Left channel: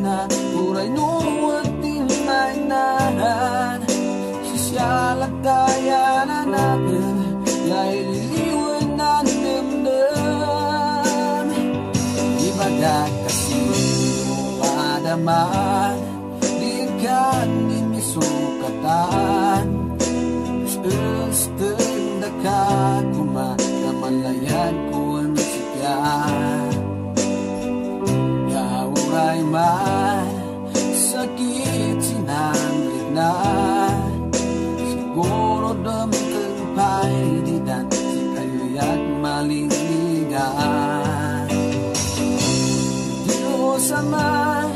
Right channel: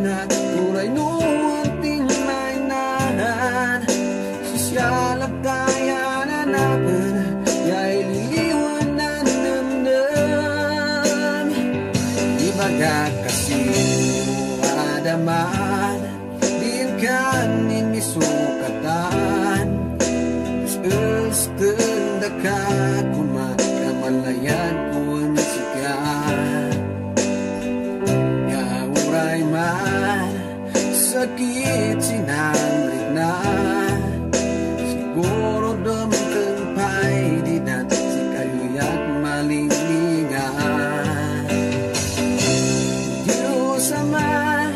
na uray nuan tin may nahan Sisyalag kaya nanapin Yay liliwan na namdam Ibagag kasi madaman Din kan imisukatan Stunda ka kumakamalayan kun sikat Yauray man sakit sinanrit na Siguro damtang pa'y di dan si kayo'y malinlingan Diyos Ama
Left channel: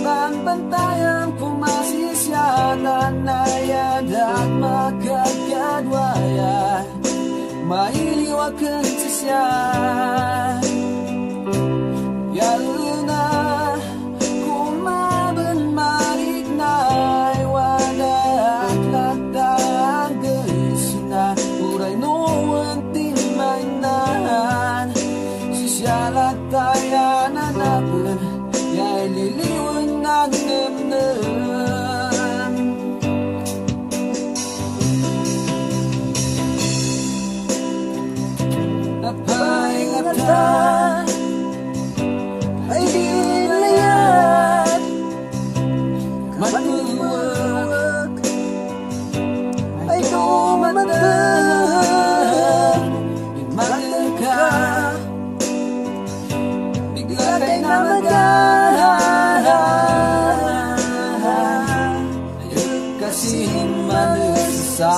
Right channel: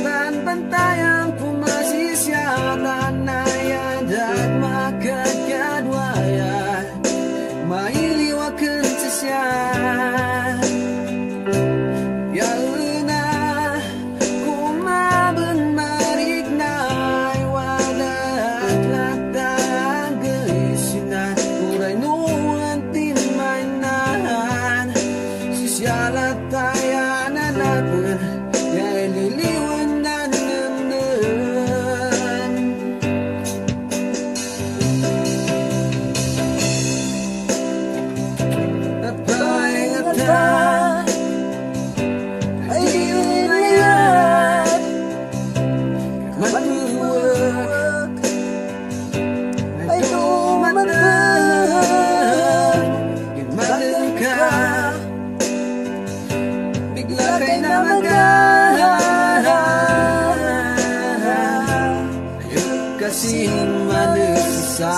Banbantayan kumasisyalan na yadat makagkadwaya Mailiwakan siya Yaluna kumaban marignay Wadat latagay sina Uray nuan timay nahan Sisyalat tayo nanapin Yay liliwan na namnam Napay-ngatan Ay di layat Magbuwag Ay dumatag Imanan ka Bigla kay namagan Ayun kasing manusasan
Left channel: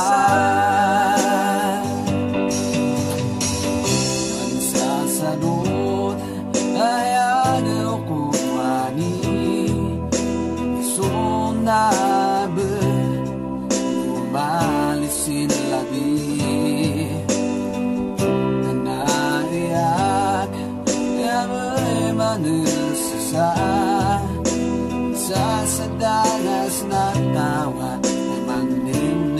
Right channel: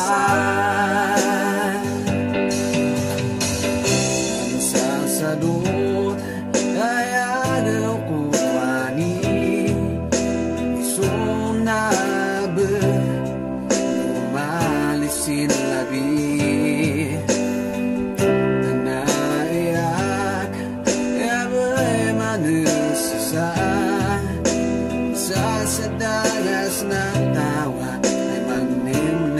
Ang sasadot ay agaw ko wani Isunabe Lumalisin labi Nanaiyak Yabay manusasa Sa dagas na tawa Ay manim